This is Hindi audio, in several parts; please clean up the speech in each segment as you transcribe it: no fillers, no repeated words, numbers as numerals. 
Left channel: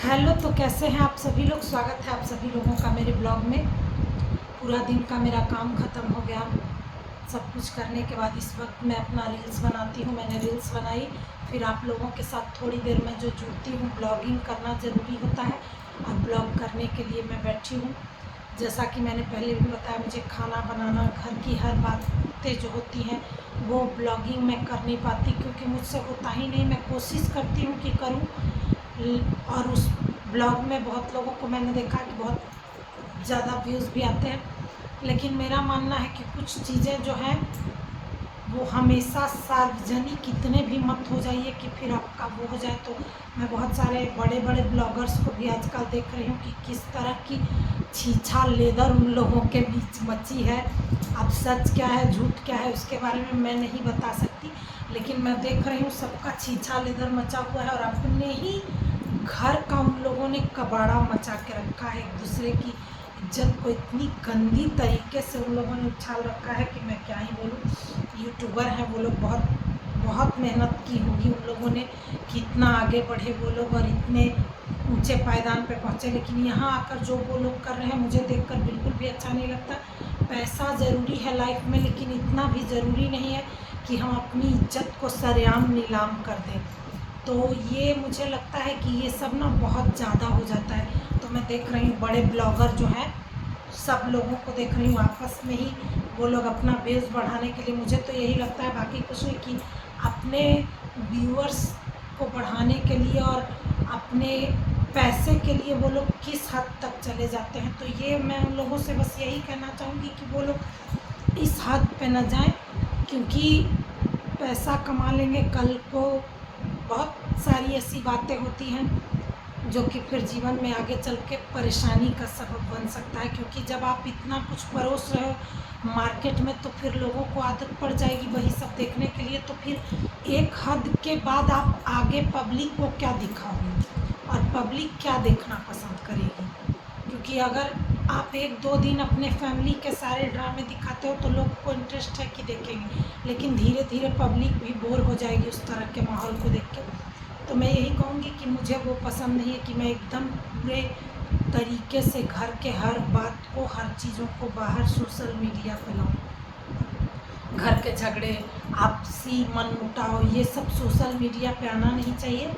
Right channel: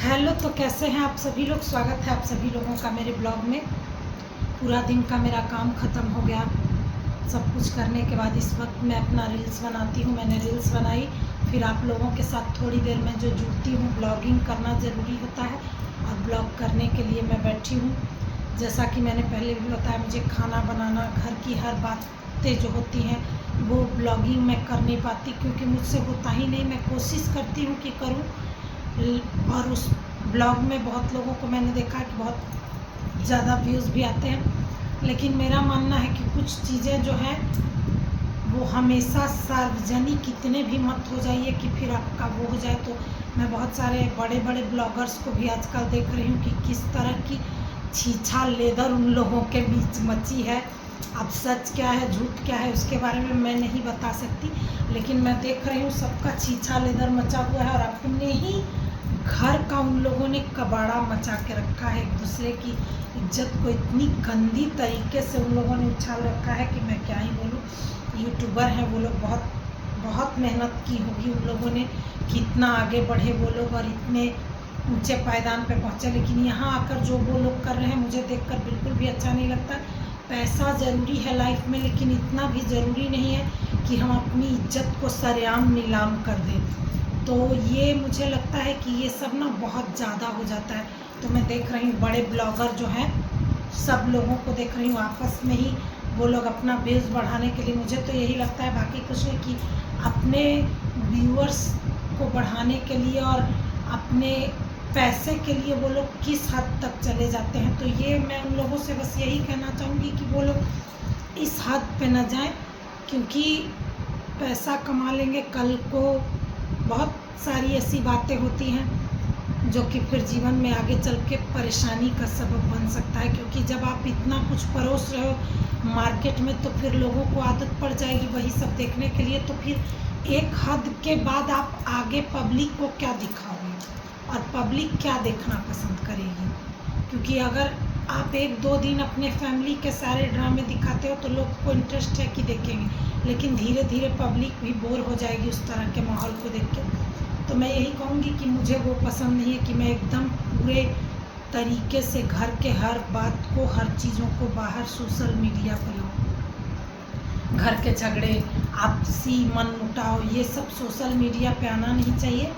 हेलो, तो कैसे हैं आप सभी लोग। स्वागत है आप सभी लोगों का मेरे ब्लॉग में। पूरा दिन का मेरा काम ख़त्म हो गया। सब कुछ करने के बाद इस वक्त मैं अपना रील्स बनाती हूँ। मैंने रील्स बनाई, फिर आप लोगों के साथ थोड़ी देर में जो जुड़ती हूँ। ब्लॉगिंग करना ज़रूरी होता है और ब्लॉग करने के लिए मैं बैठी हूँ। जैसा कि मैंने पहले भी बताया, मुझे खाना बनाना, घर की हर बातें जो होती हैं वो ब्लॉगिंग में कर नहीं पाती, क्योंकि मुझसे होता ही नहीं। मैं कोशिश करती हूँ कि करूँ, और उस ब्लॉग में बहुत लोगों को मैंने देखा कि बहुत ज़्यादा व्यूज़ भी आते हैं। लेकिन मेरा मानना है कि कुछ चीज़ें जो हैं वो हमेशा सार्वजनिक इतने भी मत हो जाइए कि फिर आपका वो हो जाए। तो मैं बहुत सारे बड़े बड़े ब्लॉगर्स को भी आजकल देख रही हूँ कि किस तरह की छीछा लेदर उन लोगों के बीच मची है। अब सच क्या है झूठ क्या है उसके बारे में मैं नहीं बता सकती, लेकिन मैं देख रही हूँ सबका छीछा लेदर मचा हुआ है और अपने ही घर का उन लोगों ने कबाड़ा मचा के रखा है। एक दूसरे की इज्जत को इतनी गंदी तरीके से उन लोगों ने उछाल रखा है कि मैं क्या ही बोलूँ। यूट्यूबर हैं वो लोग, बहुत बहुत मेहनत की होगी उन लोगों ने कि इतना आगे बढ़े वो लोग और इतने ऊंचे पायदान पे पहुँचे। लेकिन यहाँ आकर जो वो लोग कर रहे हैं मुझे देखकर बिल्कुल भी अच्छा नहीं लगता। पैसा ज़रूरी है लाइफ में, लेकिन इतना भी ज़रूरी नहीं है कि हम अपनी इज्जत को सरेआम नीलाम कर दें। तो ये मुझे लगता है कि ये सब ना बहुत ज़्यादा हो जाता है। तो मैं देख रही हूँ बड़े ब्लॉगर जो हैं सब लोगों को देख रही हूँ आपस में ही वो लोग अपना व्यूज़ बढ़ाने के लिए, मुझे तो यही लगता है, बाकी कुछ नहीं, कि अपने व्यूअर्स को बढ़ाने के लिए और अपने पैसे के लिए वो लोग किस हद तक चले जाते हैं। तो ये मैं उन लोगों से बस यही कहना चाहूँगी कि वो लोग इस हद पे न जाएं, क्योंकि पैसा कमा लेंगे, कल को बहुत सारी ऐसी बातें होती हैं जो कि फिर जीवन में आगे चल के परेशानी का सबब बन सकता है। क्योंकि जब आप इतना कुछ परोस रहे हो मार्केट में, तो फिर लोगों को आदत पड़ जाएगी वही सब देखने के लिए। तो फिर एक हद के बाद आप आगे पब्लिक को क्या दिखाओगे और पब्लिक क्या देखना पसंद करेगी। क्योंकि अगर आप एक दो दिन अपने फैमिली के सारे ड्रामे दिखाते हो तो लोग को इंटरेस्ट है कि देखेंगे, लेकिन धीरे धीरे पब्लिक भी बोर हो जाएगी उस तरह के माहौल को देख के। तो मैं यही कहूँगी कि मुझे वो पसंद नहीं है कि मैं एकदम पूरे तरीके से घर के हर बात को, हर चीज़ों को बाहर सोशल मीडिया पर लाऊँ। घर के झगड़े, आपसी मनमुटाव, ये सब सोशल मीडिया पे आना नहीं चाहिए।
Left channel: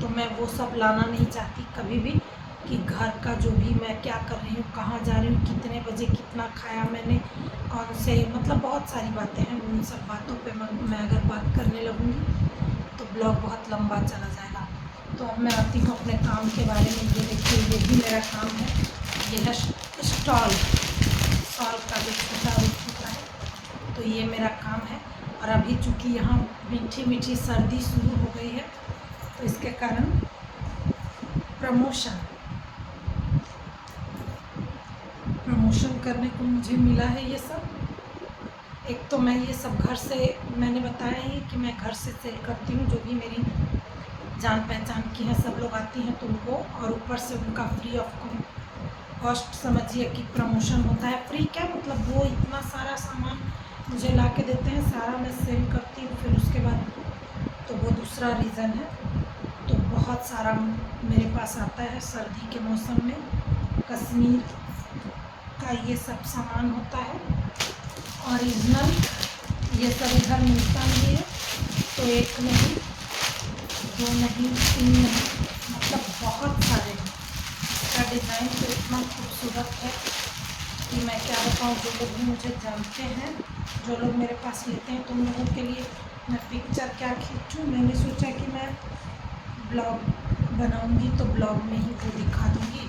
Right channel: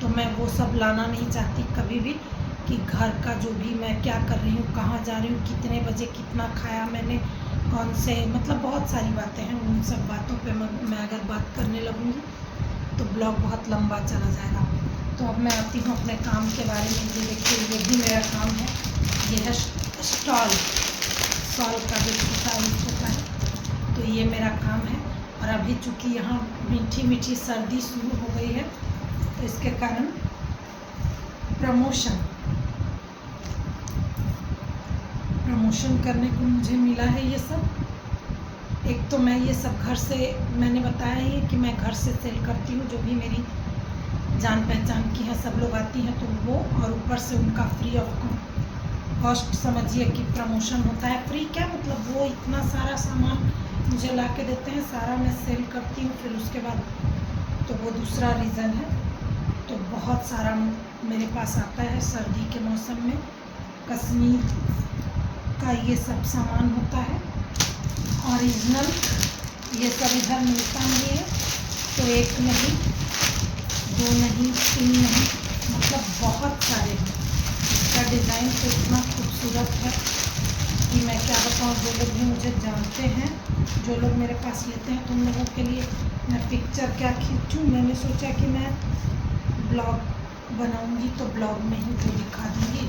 तो मैं वो सब लाना नहीं चाहती कभी भी, कि घर का जो भी मैं क्या कर रही हूँ, कहाँ जा रही हूँ, कितने बजे कितना खाया मैंने, कौन से, मतलब बहुत सारी बातें हैं। उन सब बातों पे मैं अगर बात करने लगूँगी तो ब्लॉग बहुत लंबा चला जाएगा। तो अब मैं आती हूँ अपने काम के बारे में। ये देखिए, ये भी मेरा काम है। ये है स्टॉल का जो छोटा रूप होता है, तो ये मेरा काम है। और अभी चूँकि यहाँ मीठी मीठी सर्दी शुरू हो गई है, तो इसके कारण प्रमोशन करने को मुझे मिला है ये सब। एक तो मैं ये सब घर से, मैंने बताया ही कि मैं घर से सेल करती हूँ। जो भी मेरी जान पहचान की हैं सब लोग आती हैं तो वो, और ऊपर से उनका फ्री ऑफ कॉस्ट समझिए कि प्रमोशन होता है। फ्री क्या, मतलब वो इतना सारा सामान मुझे ला के देते हैं, सारा मैं सेल करती हूँ। फिर उसके बाद तो वो दूसरा रीज़न है। तो बहुत सारा मेरे पास आता है सर्दी के मौसम में। कश्मीर का ये सब सामान होता है ओरिजिनल। ये सब इधर मिलता नहीं है। तो एक नहीं, दो नहीं, तीन नहीं, मतलब बहुत सारे हैं। इसका डिज़ाइन तो इतना खूबसूरत है कि मैं क्या बताऊँ। जो लोग भी मुझे जानते हैं, जो लोग मेरे पास लेते हैं, तो उन लोगों के लिए मैं पिक्चर क्या खींचूँ। मैंने सोचा कि मैं ब्लॉग बनाऊंगी तो ब्लॉग में ही वो दिखा दूँगी।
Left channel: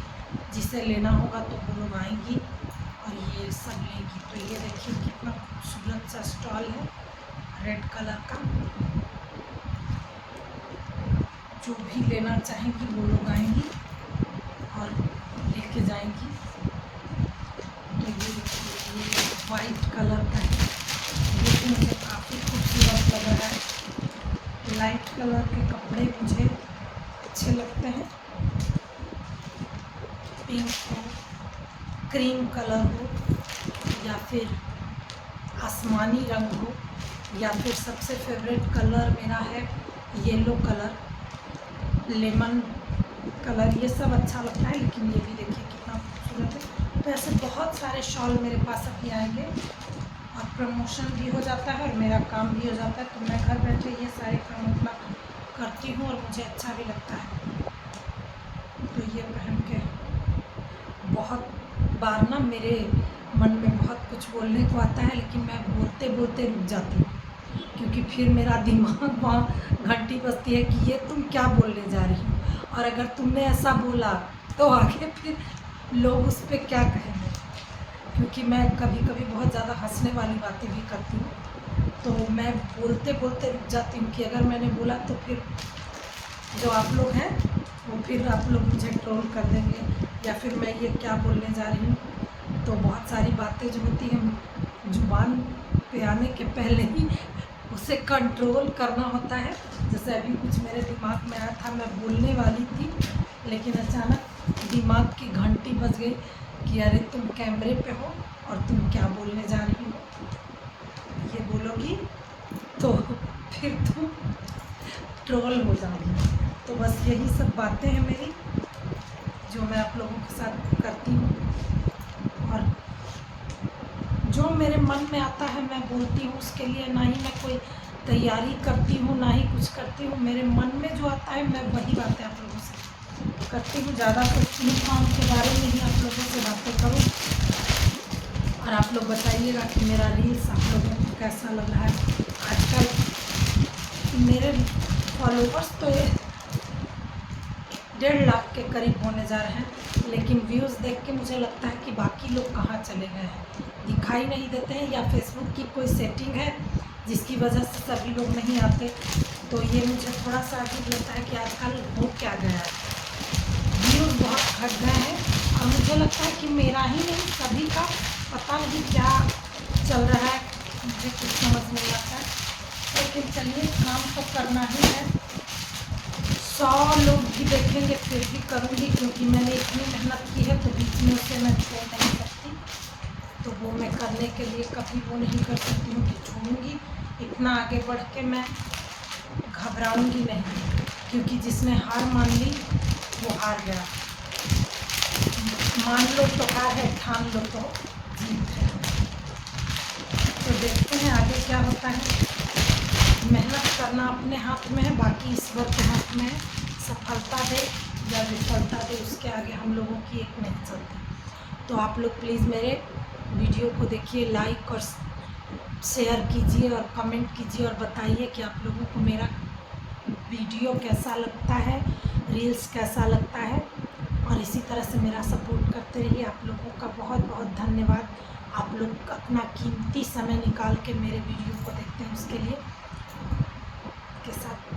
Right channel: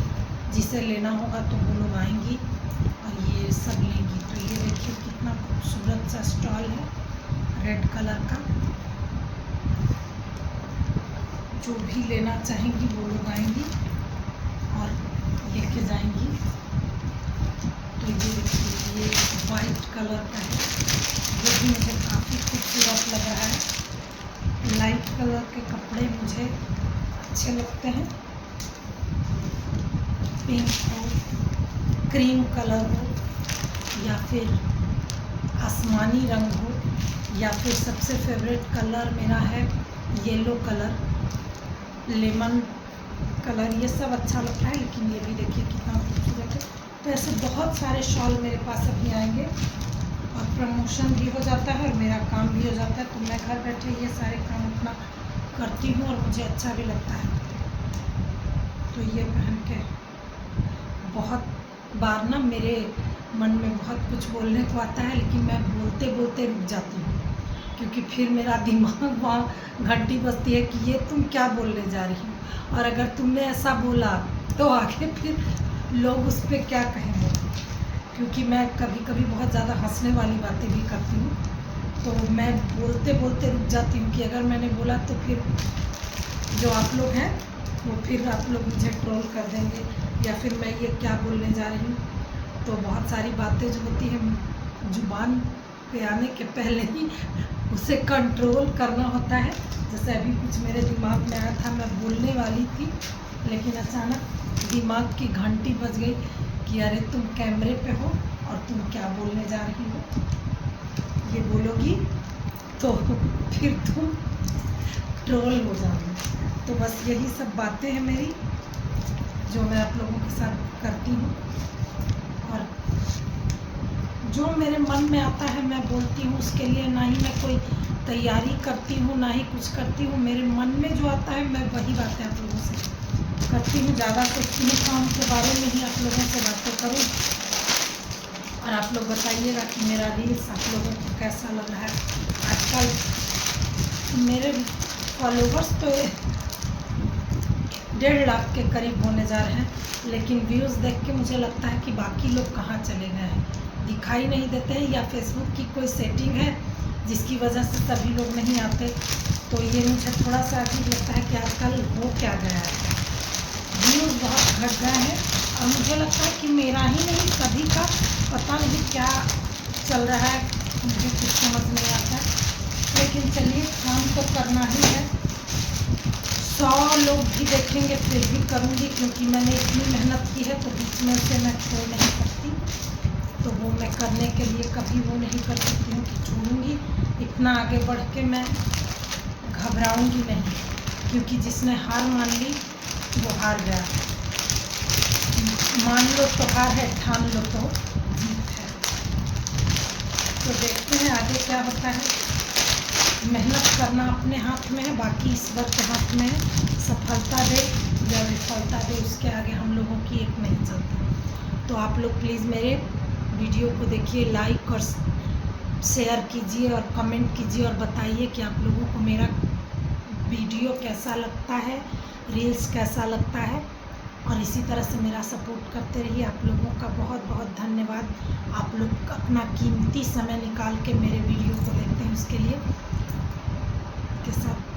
जिसे लेना होगा तो वो लोग आएंगी और ये सब लेंगी। तो ये देखिए कितना खूबसूरत सा स्टॉल है रेड कलर का। जो भी लेना चाहेंगी वो लोग आएंगी और लेके जाएंगी। तो ये देखिए, ये वाइट कलर का है, ये भी मुझे काफ़ी खूबसूरत लग रहा है। लाइट कलर के कपड़े मुझे अच्छे लगते हैं। पिंक हो, क्रीम कलर हो, या फिर आसमानी रंग हो, या फिर सबसे फेवरेट कलर मेरा है येलो कलर, लेमन कलर ये सब अच्छा लगता है, लेकिन ये भी देखिए कितना खूबसूरत है। तो ऐसे बहुत सारे शॉल मेरे पास अभी आएंगे और प्रमोशन भी हो जाता है और मेरा काम भी हो जाता है। तो मैं घर बैठे ये सारे काम अपना करती हूँ और मुझे अच्छा भी लगता है। तो ये पहन के बहुत बार ना मेरे मन में बहुत कुछ बोलने को आता है, लेकिन मैं बोलते बोलते रुक जाती हूँ, क्योंकि फिर मेरा दिमाग वहाँ घंटी बजती है कि ये तुम क्या बोलने जा रही हो, और अगर तुमने ऐसा बोला तो आगे फिर लोग उस पर क्या कहेंगे। क्योंकि मैं कभी कभी बहुत ज़्यादा हंसने वाली बातें भी करती हूँ, तो मैं बोलते बोलते रुक जाती हूँ कि अगर मैंने बोला तो फिर जो आप लोग हैं वो फिर आप लोग मुझे ट्रोल कर देंगे, या फिर मैं ये क्या बोलने जा रही हूँ। तो बहुत सारी बातें जो होती हैं जुबान पे आने के पहले ही उसे कंट्रोल करना होता है। जैसे अभी कुछ मेरे दिमाग में आया था, मैं बोलने वाली थी, लेकिन अचानक दिमाग की घंटी बज गई कि अरे तुम कैमरे पे हो और तुम क्या बोलने जा रही हो, ये बोलोगी तो फिर तुम ट्रोल हो जाओगी। तो बस यही सब बातें हैं मेरी, जो मैं आप लोगों के साथ करती हूँ, और जो मेरे मन में आता है मैं बोलती हूँ। उसके लिए ना ही मैं कोई तैयारी करती हूँ, ना ही कुछ करती हूँ। मेरे मन में जो आता है मैं वही बातें आप लोगों से करती हूँ। ज़्यादा सोचती हूँ काम के बारे में ही आप लोगों से बातें करूँ। और आप लोग बताइएगा कि मेरा रील्स आप लोगों को कैसा लग रहा है। आजकल मेरे फॉलोवर्स तो 1.5 लाख के करीब होने जा रहे हैं, लेकिन व्यूज़ देख के मुझे लगता है कि बाकी लोग कहाँ चले गए हैं, दिखाई नहीं देते हैं, या फेसबुक की कोई सेटिंग है जिसकी वजह से सभी लोग नहीं आते। तो ये मुझे थोड़ा सा अजीब लगता है कि आजकल हो क्या गया है, व्यूज़ बहुत घट गए हैं। और मुझे लगता है कि मेरा ही नहीं, सभी का पता नहीं क्या चल रहा है, मुझे कुछ समझ नहीं आता है। लेकिन चलिए, काम तो करना ही है। 100 लोग भी देखेंगे फिर भी करूँगी, क्योंकि मैंने इतनी मेहनत की है, तो बीच में से मैं छोड़ नहीं सकती। तो वो मैं करने के लिए कभी वो नहीं कर सकती हूँ कि छोड़ूंगी। इतना आगे बढ़ के मैं घबराऊंगी नहीं, क्योंकि जिसने हार मान ली वो हार गया। मान लो तो हार है, ठान लो तो जीत है। तो देखते हैं आगे क्या होता है। मेहनत करना अपने हाथ में है, बाकी ईश्वर के हाथ में है। सफलता दे या विफलता दे, उसके आगे हम लोगों की एक नहीं चलती। तो आप लोग प्लीज़ मेरे वीडियो को देखिए, लाइक और शेयर कीजिए और कमेंट कीजिए, और बताइए कि आप लोगों को मेरा वीडियो कैसा लगता है, रील्स कैसा लगता है। और इसी तरह से मेरा सपोर्ट करते रहिए। आप लोगों का बहुत बहुत धन्यवाद। आप लोग अपना कीमती समय निकाल के मेरे वीडियो को देखते हैं, उसके लिए के साथ